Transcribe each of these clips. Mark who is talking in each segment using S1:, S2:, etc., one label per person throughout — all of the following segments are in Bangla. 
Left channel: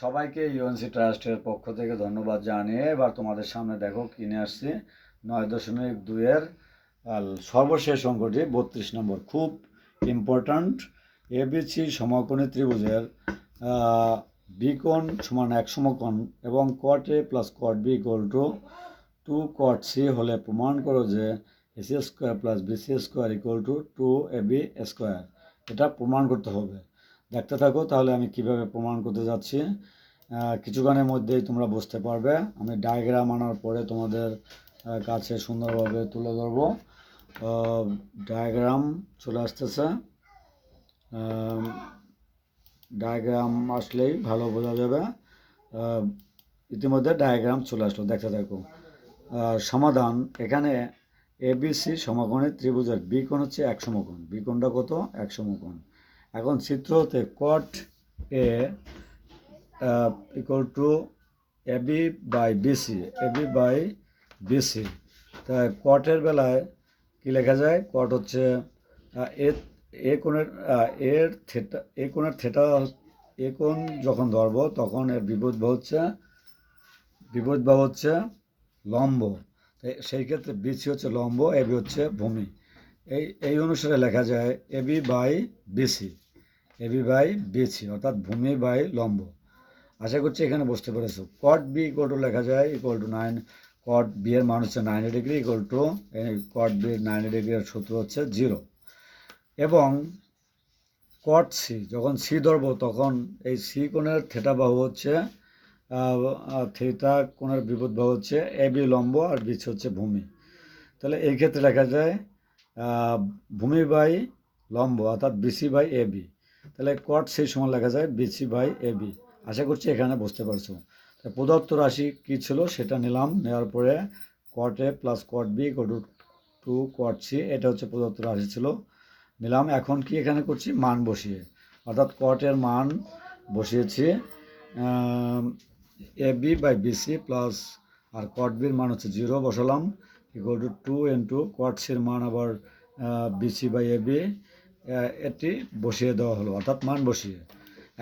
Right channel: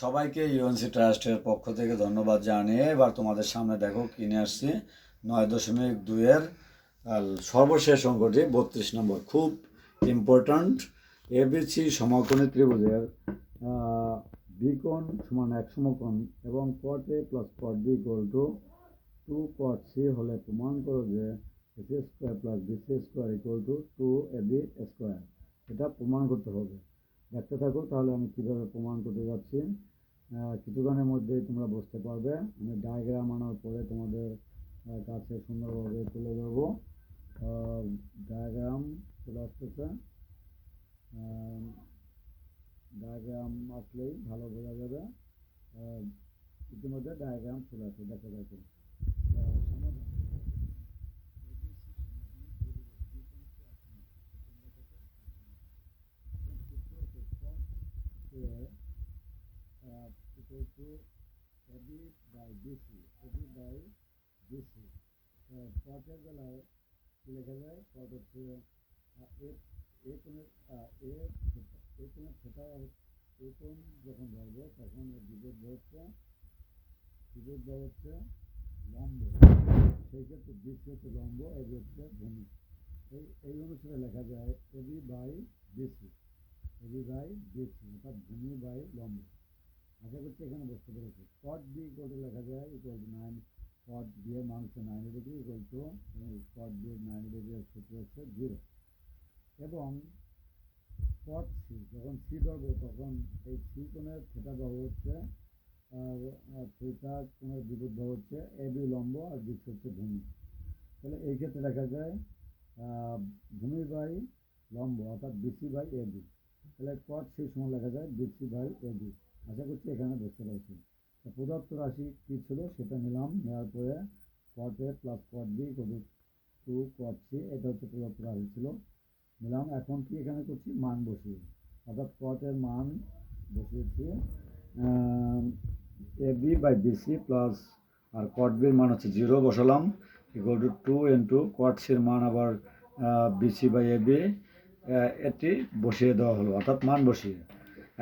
S1: সবাইকে ইউএনসি ট্রাস্টের পক্ষ থেকে ধন্যবাদ জানিয়ে এবার তোমাদের সামনে দেখো কিনে আসছি নয় দশমিক দুইয়ের সর্বশেষ অঙ্কটি বত্রিশ নম্বর, খুব ইম্পর্ট্যান্ট এবিসি সমকোণী ত্রিভুজের বিকোণ সমান এক সমকোণ এবং cot A plus cot B equal to two cot C হলে প্রমাণ করো যে AC square plus BC square equal to two A B square এটা প্রমাণ করতে হবে। দেখতে থাকো, তাহলে আমি কীভাবে প্রমাণ করতে যাচ্ছি? কিছুক্ষণের মধ্যেই তোমরা বুঝতে পারবে। আমি ডায়াগ্রাম আনার পরে তোমাদের কাছে সুন্দরভাবে তুলে ধরবো। ডায়াগ্রাম চলে আসতেছে। ডায়াগ্রাম আসলেই ভালো বোঝা যাবে। ইতিমধ্যে ডায়াগ্রাম চলে আসলো, দেখতে থাকো। সমাধান, এখানে এবিসি সমকোণের ত্রিভুজের বি কোণ হচ্ছে এক সমকোণ। বি কোণটা কত? এক সমকোণ। এখন চিত্র হতে cot A equal to AB by BC AB by BC তাই কটের বেলায় কি লেখা যায়? কট হচ্ছে এ এ কোণের এর থেটা এ কোণের থেটা এ কোণ যখন ধরবো, তখন এর বিপরীত বাহু হচ্ছে, বিপরীত বা হচ্ছে লম্ব। সেই ক্ষেত্রে বিসি হচ্ছে লম্ব এবি হচ্ছে ভূমি। এই এই অনুসারে লেখা যায় AB by BC AB by BC অর্থাৎ ভূমি বাই লম্ব। আশা করছি এখানে বুঝতে পেরেছ। কট বি ইকুয়াল টু লেখা যায় equal to nine cot B এর মান হচ্ছে ninety degree equal to cot B ninety ডিগ্রির সূত্র হচ্ছে জিরো এবং কট সি যখন সি ধরবো, তখন এই সি কোণের থেটা বাহু হচ্ছে থিটা কোণের বিপদ বাহু হচ্ছে এ বি লম্ব আর বিচ হচ্ছে ভূমি। তাহলে এই ক্ষেত্রে লেখা যায় ভূমি বাই লম্ব, অর্থাৎ বিসি বাই এ বি তাহলে কট সেই সময় লেখা যায় বিসি বাই এ বি আশা করছি এখানে বুঝতে পারছ। প্রদত্ত রাশি কী ছিল সেটা নিলাম, নেওয়ার পরে cot A plus cot B to two cot C এটা হচ্ছে প্রদত্ত রাশি ছিল। নিলাম, এখন কি এখানে করছি? মান বসিয়ে। অর্থাৎ কটের মান বসিয়েছি A B by BC plus R cot বির মান হচ্ছে জিরো বসালাম equal to two into cot সির মান আবার বিসি বাই এ বি এটি বসিয়ে দেওয়া হলো, অর্থাৎ মান বসিয়ে।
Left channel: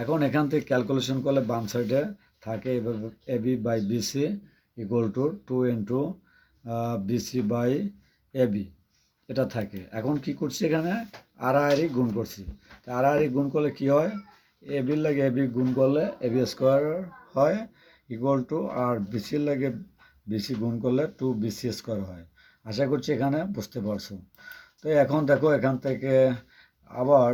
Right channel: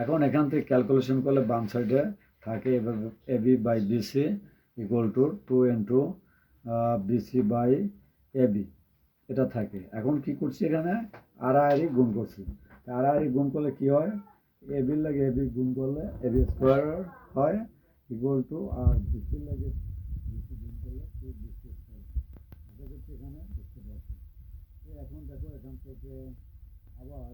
S1: এখন এখান থেকে ক্যালকুলেশন করলে বাম সাইডে থাকে এভাবে A, B by BC equal to two into BC by A, B. এটা থাকে। এখন কি করছি এখানে? আড়াআড়ি গুণ করছি। আড়াআড়ি গুণ করলে কি হয়? এ বির লাগে এ, বি গুণ করলে এ, বি স্কোয়ার হয় ইকুয়াল টু আর বিসির লাগে বিসি গুণ করলে টু বিসি স্কোয়ার হয়। আশা করছি এখানে বুঝতে পারছ। তো এখন দেখো, এখান থেকে আবার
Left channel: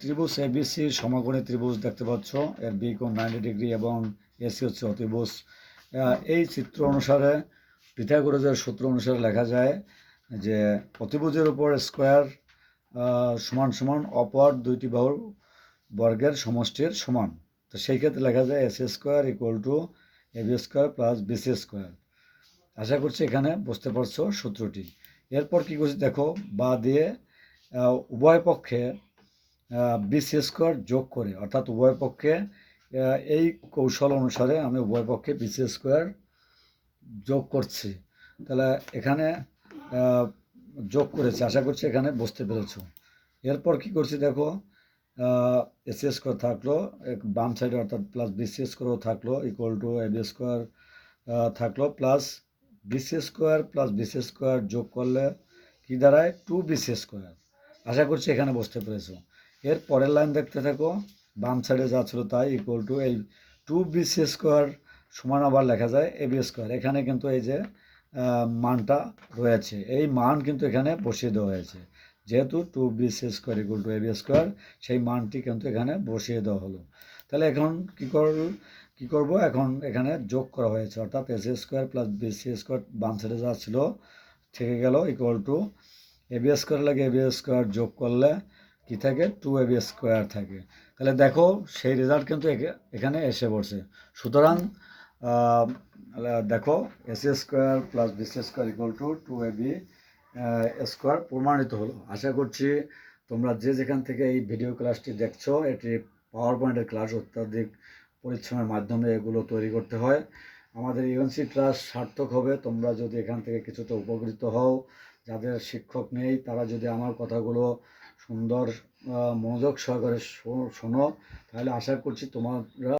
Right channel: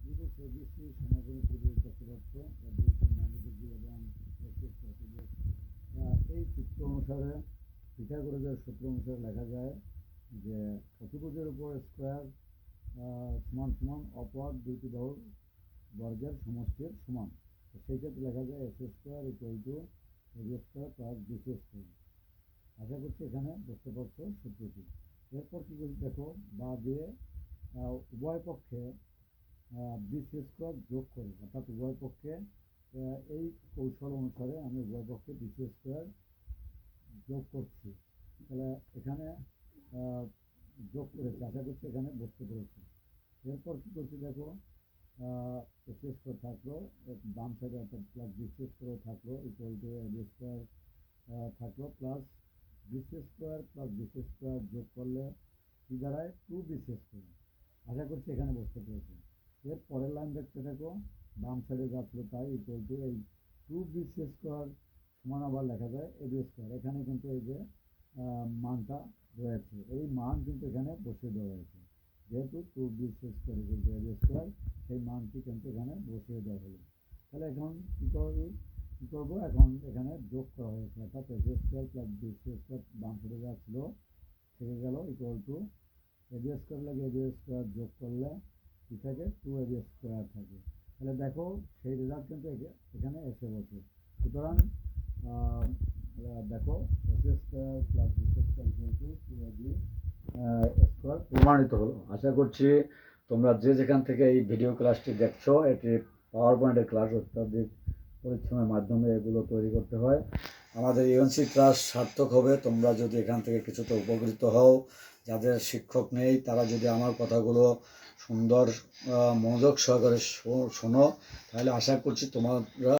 S1: ত্রিভুজ এবিসি সমকোণী ত্রিভুজ দেখতে পাচ্ছ। এর বি কোণ নাইনটি ডিগ্রি এবং এসি হচ্ছে অতিভুজ। এই চিত্র অনুসারে, পিথাগোরাসের সূত্র অনুসারে লেখা যায় যে অতিভুজের উপর স্কোয়ার সমান সমান অপর দুইটি বাহুর বর্গের সমষ্টির সমান। তো সেই ক্ষেত্রে লেখা যায় S square equal to A B square plus BC square আশা করছি এখানে বুঝতে পারছ সূত্রটি। এরপর কী করছি দেখো, বা দিয়ে উভয় পক্ষে বিসি স্কোয়ার যোগ করে, অর্থাৎ উভয় পক্ষে এই কৌশল অনুসারে আমি উভয় পক্ষে বিসি স্কোয়ার যোগ করছি। তাহলে এখানে যোগ করেছি, আশা করছি এখানে বুঝতে পেরেছ। এরপর কি করছি দেখো এস স্কোয়ার থাকল, এক বাম সাইডে অর্থাৎ প্লাস বিসি স্কোয়ারও থাকল equal to A B square থাকল plus BC square plus BC square যোগ করলে কি দাঁড়ায়? টু বিসি স্কোয়ার আশা করছি এখানে বুঝতে পেরেছ। এর পরের লাইন দেখতে থাকো, বাম সাইডে যা ছিল তাই ইকুয়াল টু এই টু বিসি স্কোয়ার সমান আবার লেখা যায় এ বি স্কোয়ার এখানে কিন্তু এই যে মানটা রয়েছে। এই মান কিন্তু এখানে বসিয়ে দেওয়া হয়েছে। যেহেতু two B C square equal to A B square সেই মানটি কিন্তু এখানে বসিয়ে দেওয়া হলো। তাহলে এখন কী কর, কী করব? এখন এখানে যোগ করা হয়েছে। অর্থাৎ S square plus B C square বাম সাইডে যা ছিল, থেকে গেল equal to A B square লাগে এ বি স্কোয়ার যোগ করলে কী থাকে? টু এ বি স্কোয়ার থাকে। তাহলে দেখো, সেই রেজাল্ট কিন্তু এখে- এখানে এসে পড়ছে। সুতরাং দেখো S square plus B square equal to two A B square প্রমাণিত হলো। আশা করছি তোমরা যে যেখান থেকে এই ভিডিও ক্লাসটি দেখছ, এটি পাওয়ার পয়েন্টের ক্লাস অত্যাধিক পরিশ্রমের মাধ্যমে এগুলো তৈরি করতে হয়। আমাদের ইউএনসি ক্লাস সার্থক হবে। তোমরা যদি এখান থেকে কিছুটা উপকৃত হও, যাদের শিক্ষক নেই, তারা যদি আমার কথাগুলো সুন্দর মনোযোগ সহকারে শোনো, তাহলে আশা করছি তোমরা